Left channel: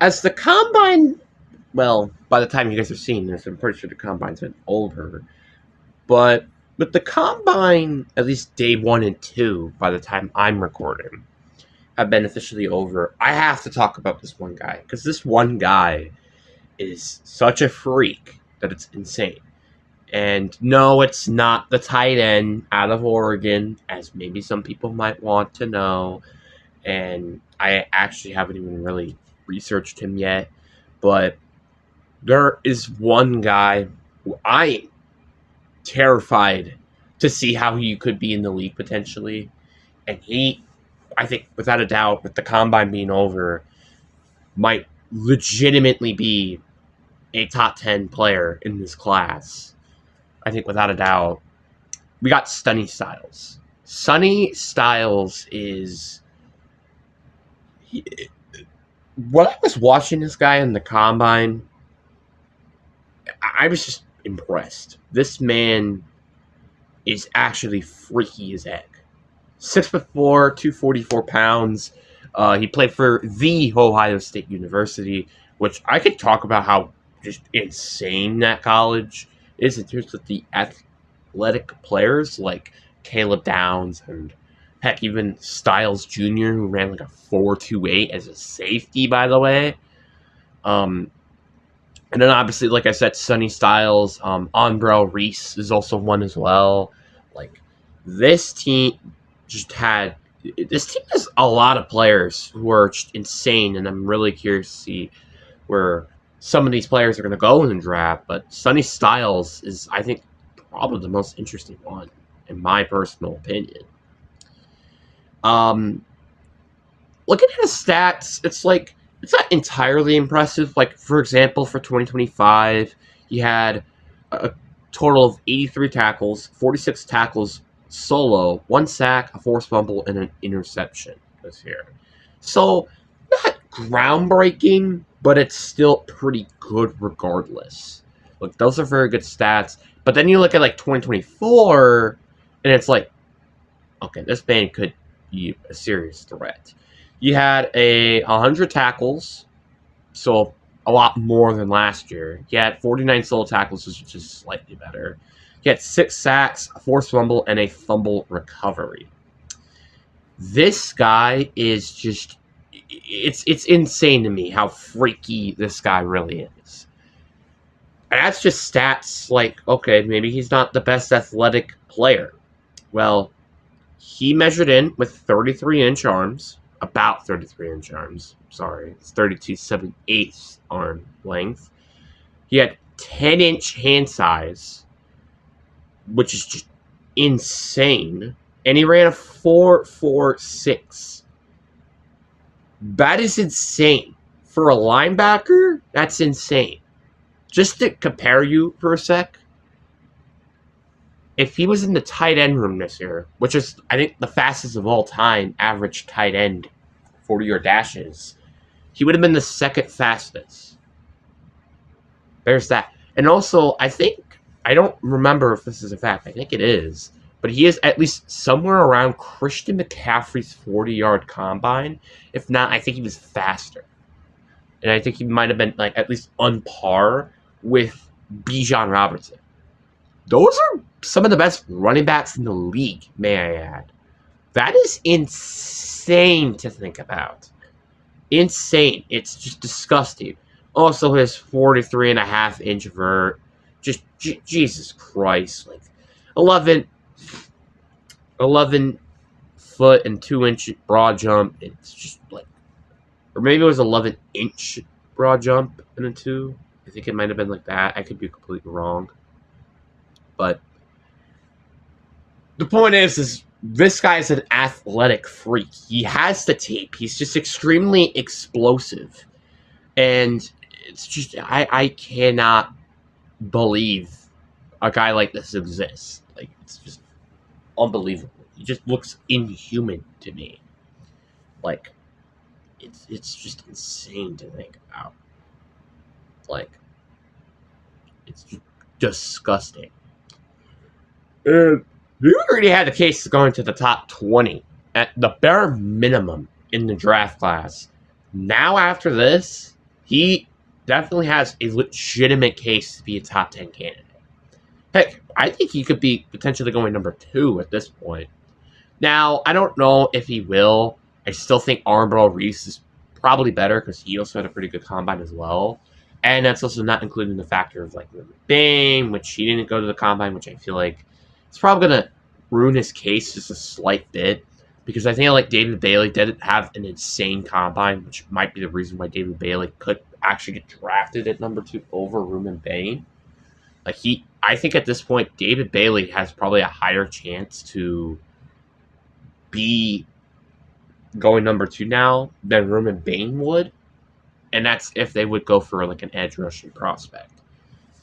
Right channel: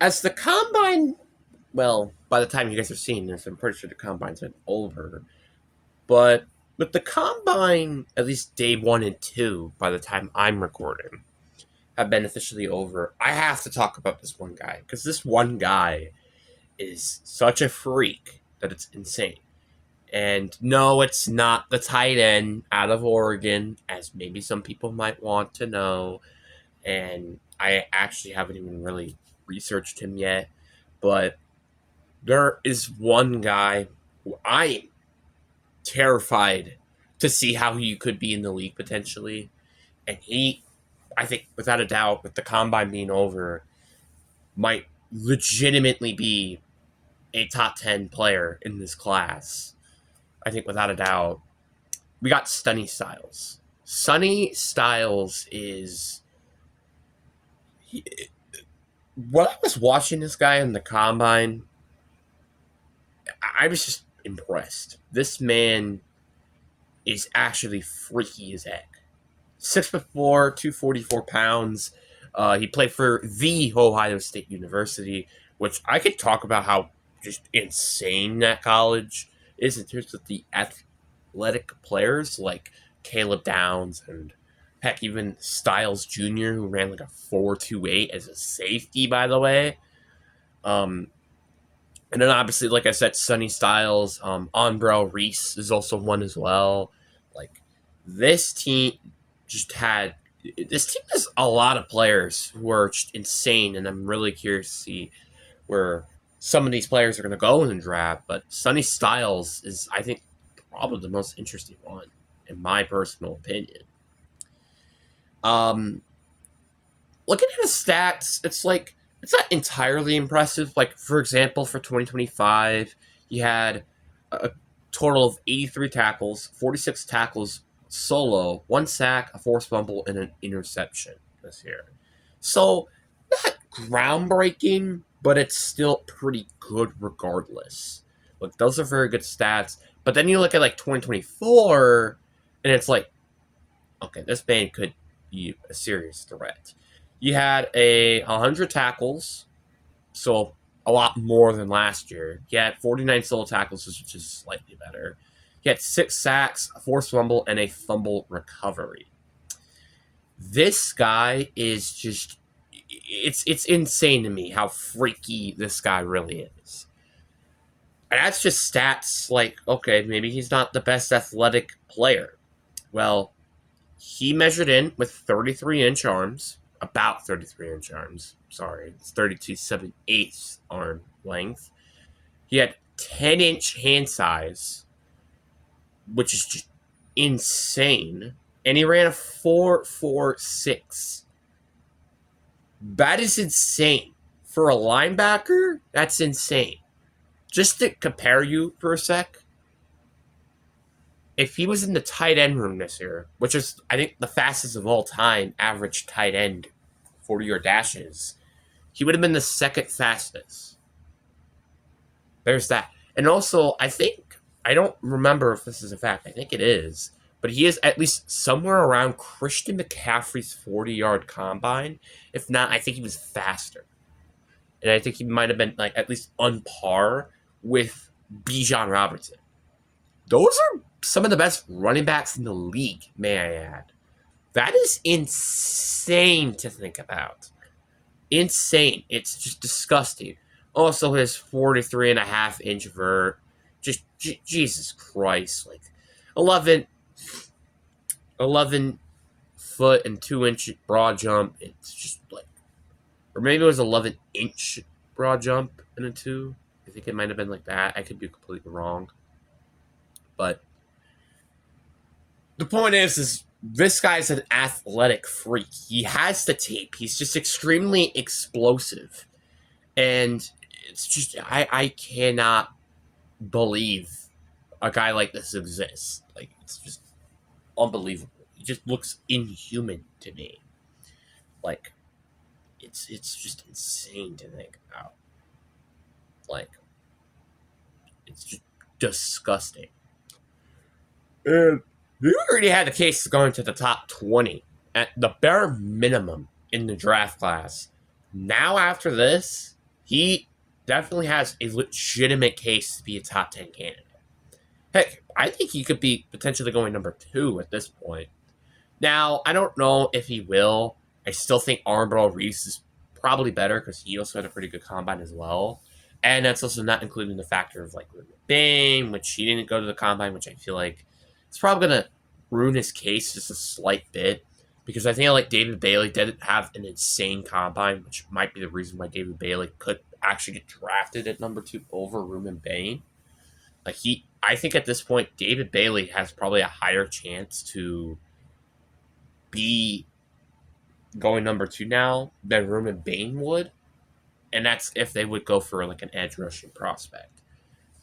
as the combine, well, by the time you guys are seeing this, I'm pretty sure the combine's been over. But with the combine, at least day 1 and 2, by the time I'm recording, have been officially over. I have to talk about this one guy because this one guy is such a freak that it's insane. And no, it's not the tight end out of Oregon, as maybe some people might want to know. And I actually haven't even really researched him yet. But there is one guy who I am terrified to see how he could be in the league potentially. And he, I think, without a doubt, with the combine being over, might legitimately be a top 10 player in this class. I think, without a doubt. We got Sonny Styles. Sonny Styles is. When I was watching this guy in the combine, I was just impressed. This man is actually freaky as heck. 6'4", 244 pounds. He played for the Ohio State University, which I could talk about how just insane that college is in terms of the athletic players like Caleb Downs and heck, even Styles Jr., who ran like a 4.28 as a safety, by the way. And then obviously, like I said, Sonny Styles, Onbrell Reese is also one as well. Like this team just had this team has a lot of players who are just insane, and I'm really curious to see where some of these players are going to go in the draft. But Sonny Styles is, I think, probably the most interesting one, in my personal opinion. Um, Looking at his stats, it's not entirely impressive. Like, for example, for 2025, he had a total of 83 tackles, 46 tackles solo, one sack, a forced fumble, and an interception this year. So, not groundbreaking, but it's still pretty good regardless. Like, those are very good stats. But then you look at, like, 2024, and it's like, okay, this man could be a serious threat. You had 100 tackles, so a lot more than last year. You had 49 solo tackles, which is slightly better. You had 6 sacks, a forced fumble, and a fumble recovery. This guy is just it's insane to me how freaky this guy really is. And that's just stats like, okay, maybe he's not the best athletic player. Well, he measured in with 33-inch arms, about 33-inch arms. Sorry, it's 32.78 arm length. He had 10-inch hand size, which is just insane. And he ran a 4.46. That is insane. For a linebacker, that's insane. Just to compare you for a sec, if he was in the tight end room this year, which is, I think, the fastest of all time, average tight end 40-yard dashes, he would have been the second fastest. There's that. And also, I don't remember if this is a fact. I think it is. But he is at least somewhere around Christian McCaffrey's 40-yard combine. If not, I think he was faster. And I think he might have been like at least on par with Bijan Robinson. Those are some of the best running backs in the league, may I add. That is insane to think about. Insane. It's just disgusting. Also, his 43.5-inch vert. Just, Jesus Christ. Like, 11 foot and 2-inch broad jump. It's just like, or maybe it was 11-inch broad jump and a 2. I think it might have been like that. I could be completely wrong. But the point is this guy is an athletic freak. He has the tape. He's just extremely explosive. And it's just, I cannot believe a guy like this exists. Like, it's just unbelievable. He just looks inhuman to me. Like, it's just insane to think about. Like, it's just disgusting. And he already had a case to go into the top 20 at the bare minimum in the draft class. Now, after this, he definitely has a legitimate case to be a top 10 candidate. Heck, I think he could be potentially going number 2 at this point. Now, I don't know if he will. I still think Armbrell Reese is probably better because he also had a pretty good combine as well. And that's also not including the factor of like Bane, which he didn't go to the combine, which I feel like it's probably going to ruin his case just a slight bit. Because I think like David Bailey didn't have an insane combine, which might be the reason why David Bailey could actually get drafted at number 2 over Ruben Bane. Like I think at this point, David Bailey has probably a higher chance to be going number 2 now than Ruben Bane would. And that's if they would go for like an edge rushing prospect,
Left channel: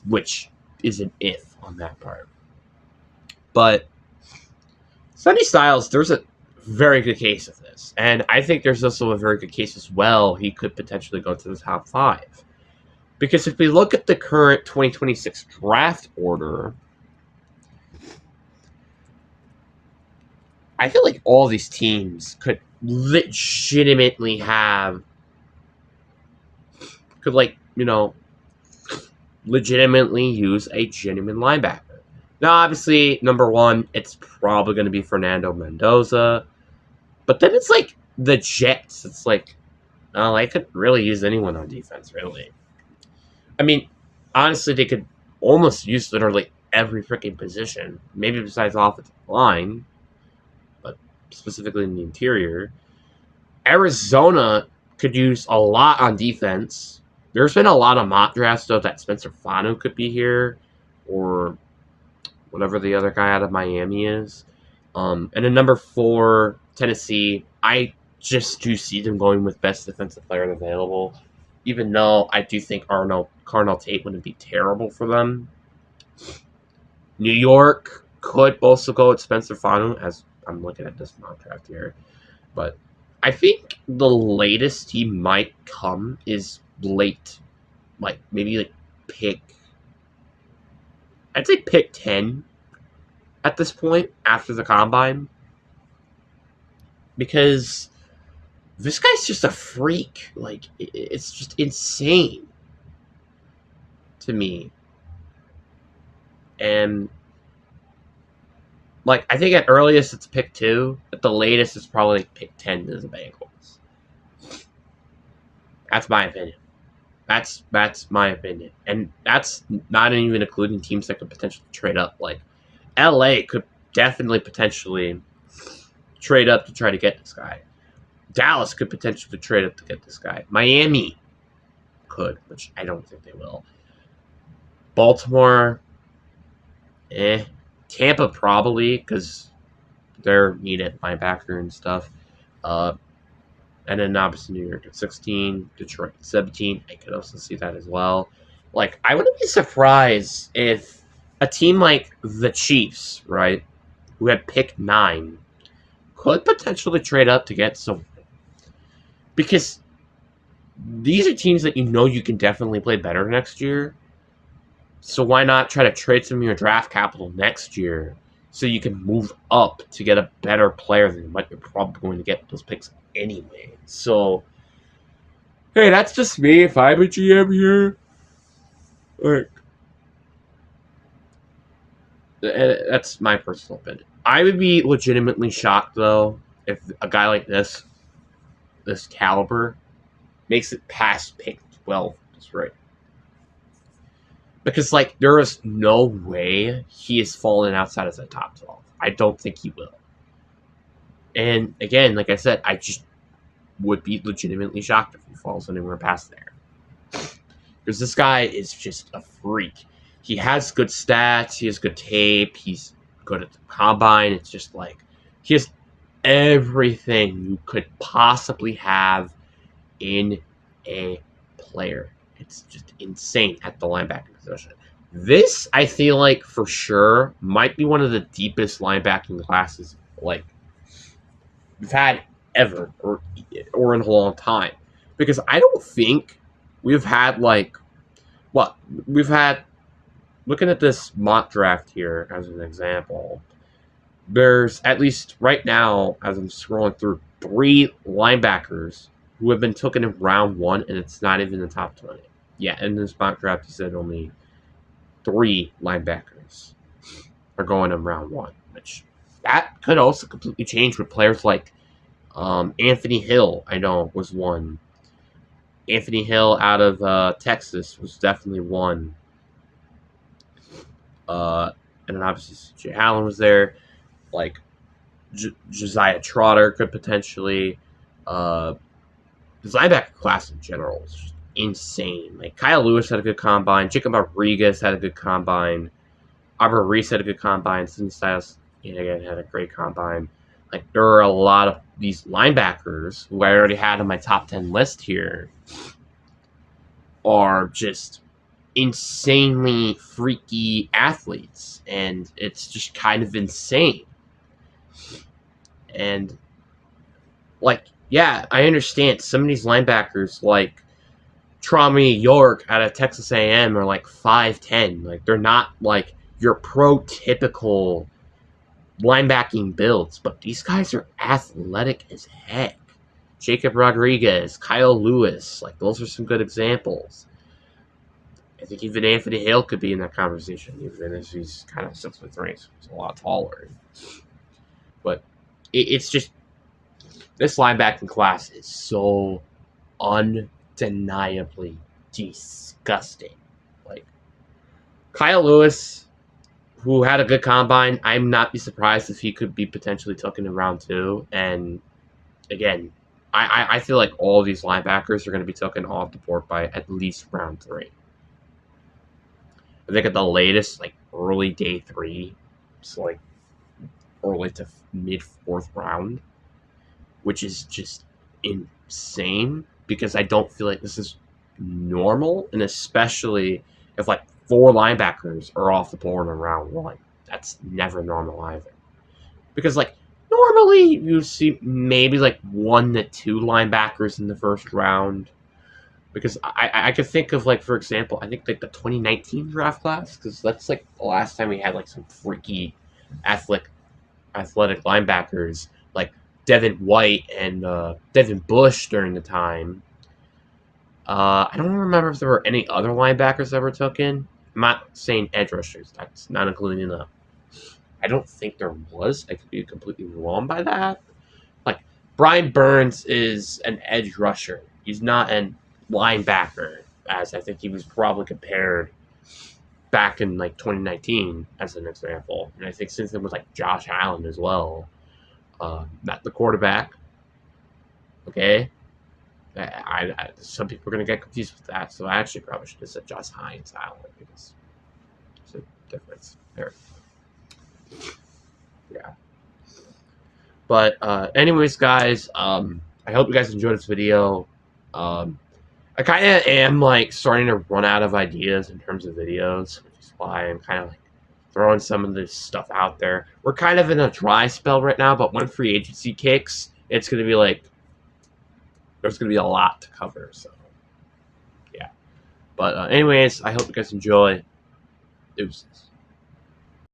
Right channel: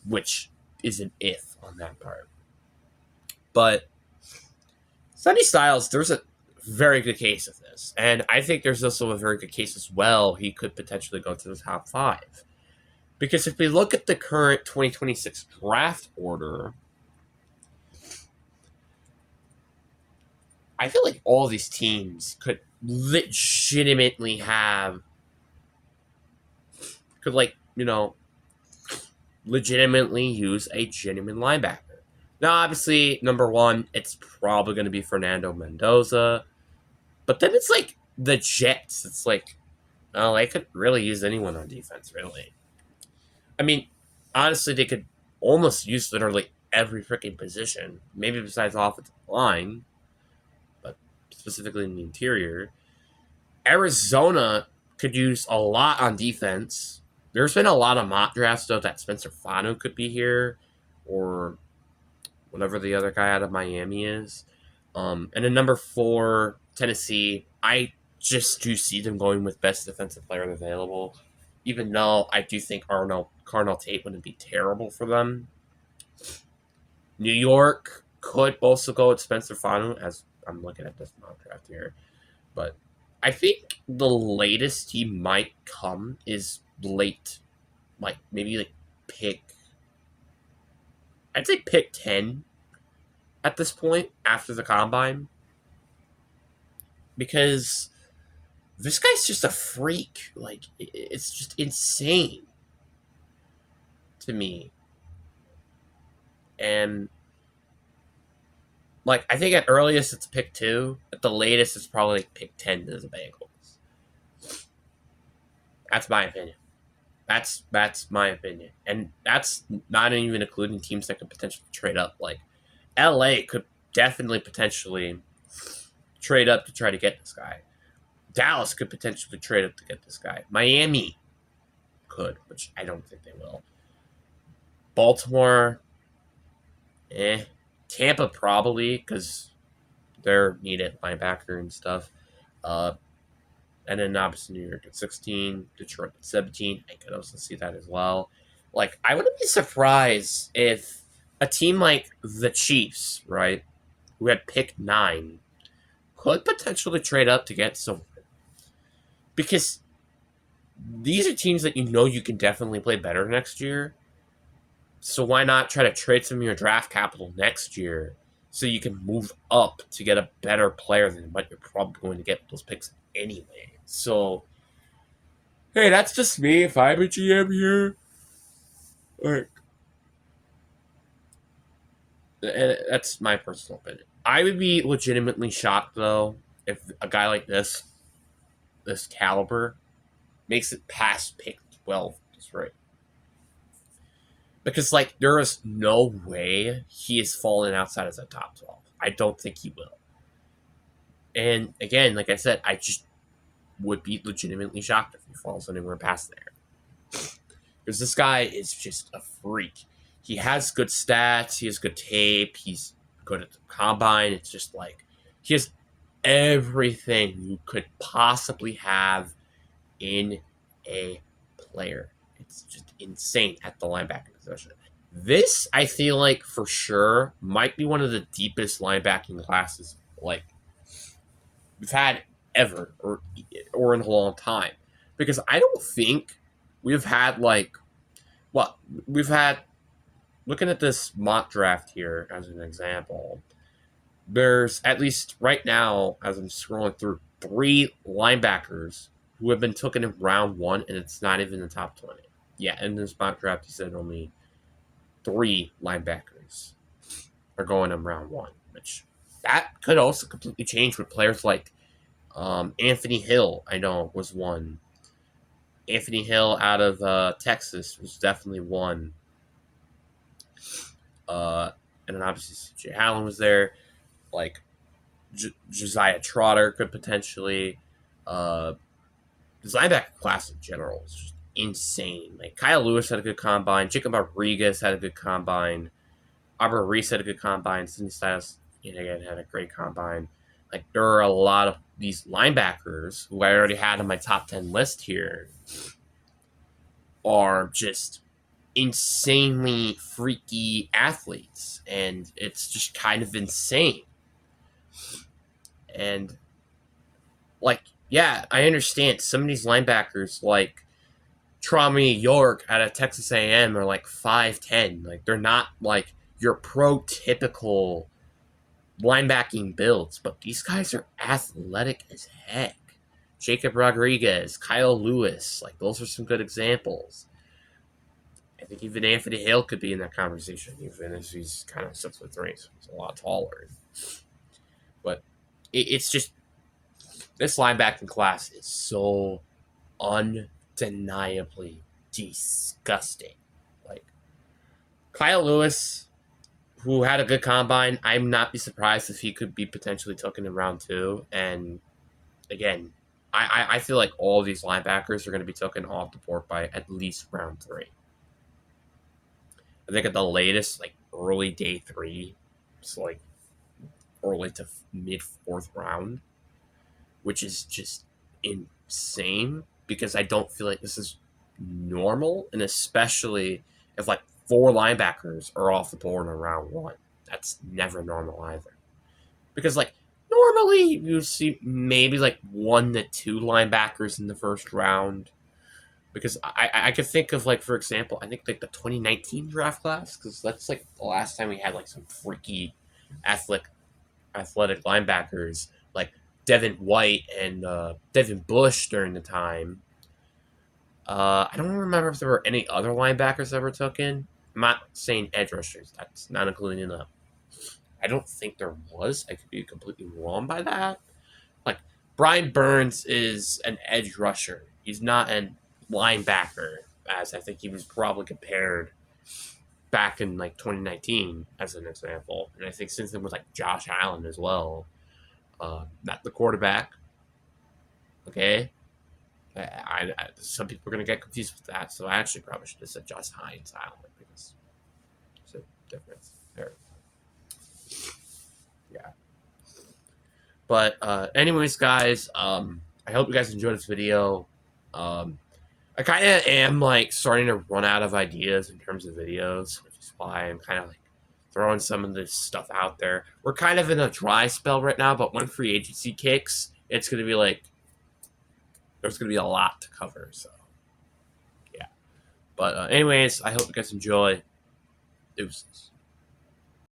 which is an if on that part. But Sonny Styles, there's a very good case of this. And I think there's also a very good case as well. He could potentially go to the top 5. Because if we look at the current 2026 draft order, I feel like all these teams could legitimately legitimately use a genuine linebacker. Now, obviously, number 1, it's probably going to be Fernando Mendoza. But then it's like the Jets. It's like, oh, they could really use anyone on defense, really. I mean, honestly, they could almost use literally every freaking position. Maybe besides offensive line, but specifically in the interior. Arizona could use a lot on defense. There's been a lot of mock drafts, though, that Spencer Fano could be here, or whatever the other guy out of Miami is. And then number 4, Tennessee. I just do see them going with best defensive player available, even though I do think Carnell Tate wouldn't be terrible for them. New York could also go with Spencer Fano, as I'm looking at this mock draft here. But I think the latest he might come is late. Like, maybe like I'd say pick 10 at this point after the combine. Because this guy's just a freak. Like, it's just insane to me. And, like, I think at earliest it's pick 2. At the latest it's probably like pick 10 to the Bengals. That's my opinion. That's my opinion. And that's not even including teams that could potentially trade up. Like, LA could definitely potentially trade up to try to get this guy. Dallas could potentially trade up to get this guy. Miami could, which I don't think they will. Baltimore, Tampa probably, because they're needed linebacker and stuff. And then obviously New York at 16, Detroit at 17. I could also see that as well. Like, I wouldn't be surprised if a team like the Chiefs, right, who had picked 9, could potentially trade up to get someone. Because these are teams that you know you can definitely play better next year. So why not try to trade some of your draft capital next year so you can move up to get a better player than what you're probably going to get with those picks anyway. So, hey, that's just me. If I'm a GM here, like, that's my personal opinion. I would be legitimately shocked, though, if a guy like this caliber, makes it past pick 12. That's right. Because, like, there is no way he is falling outside of the top 12. I don't think he will. And, again, like I said, I just would be legitimately shocked if he falls anywhere past there. Because this guy is just a freak. He has good stats. He has good tape. He's good at the combine. It's just like, he has everything you could possibly have in a player. It's just insane at the linebacker position. This, I feel like, for sure, might be one of the deepest linebacking classes, like, we've had ever, or in a long time. Because I don't think we've had, like, we've had, looking at this mock draft here as an example, there's, at least right now, as I'm scrolling through, 3 linebackers who have been taken in round 1, and it's not even the top 20. Yeah, in this mock draft, he said only 3 linebackers are going in round 1, which that could also completely change with players like Anthony Hill, I know, was one. Anthony Hill out of Texas was definitely one. And then obviously C.J. Allen was there. Like, Josiah Trotter could potentially. This linebacker class in general is just insane. Like, Kyle Lewis had a good combine. Jacob Rodriguez had a good combine. Arbor Reese had a good combine. Sidney Styles, again, had a great combine. Like, there are a lot of these linebackers who I already had on my top 10 list here are just insanely freaky athletes. And it's just kind of insane. And, like, yeah, I understand some of these linebackers, like Traumy York out of Texas A&M, are like 5'10". Like, they're not like your prototypical linebacking builds, but these guys are athletic as heck. Jacob Rodriguez, Kyle Lewis, like, those are some good examples. I think even Anthony Hill could be in that conversation, even if he's kind of 6'3", so he's a lot taller. But it's just, this linebacking class is so undeniably disgusting. Like, Kyle Lewis, who had a good combine, I'm not be surprised if he could be potentially taken in round 2. And again, I feel like all of these linebackers are going to be taken off the board by at least round 3. I think at the latest, like early day 3, it's like early to mid 4th round, which is just insane because I don't feel like this is normal, and especially if like 4 linebackers are off the board in round 1. That's never normal either. Because like normally you see maybe like 1 to 2 linebackers in the first round. Because I could think of, like, for example, I think like the 2019 draft class, because that's like the last time we had like some freaky athletic linebackers like Devin White and Devin Bush during the time. I don't remember if there were any other linebackers that were taken. I'm not saying edge rushers. That's not including them. I don't think there was. I could be completely wrong by that. Like, Brian Burns is an edge rusher. He's not an linebacker, as I think he was probably compared back in like 2019 as an example. And I think since then was like Josh Allen as well. Not the quarterback. Okay. Some people are going to get confused with that, so I actually probably should have said Josh Hines Allen because there's a difference there. Yeah. But anyways, guys, I hope you guys enjoyed this video. I kind of am like starting to run out of ideas in terms of videos, which is why I'm kind of like throwing some of this stuff out there. We're kind of in a dry spell right now, but when free agency kicks, it's going to be like, there's going to be a lot to cover. So, yeah. But anyways, I hope you guys enjoy. Deuces.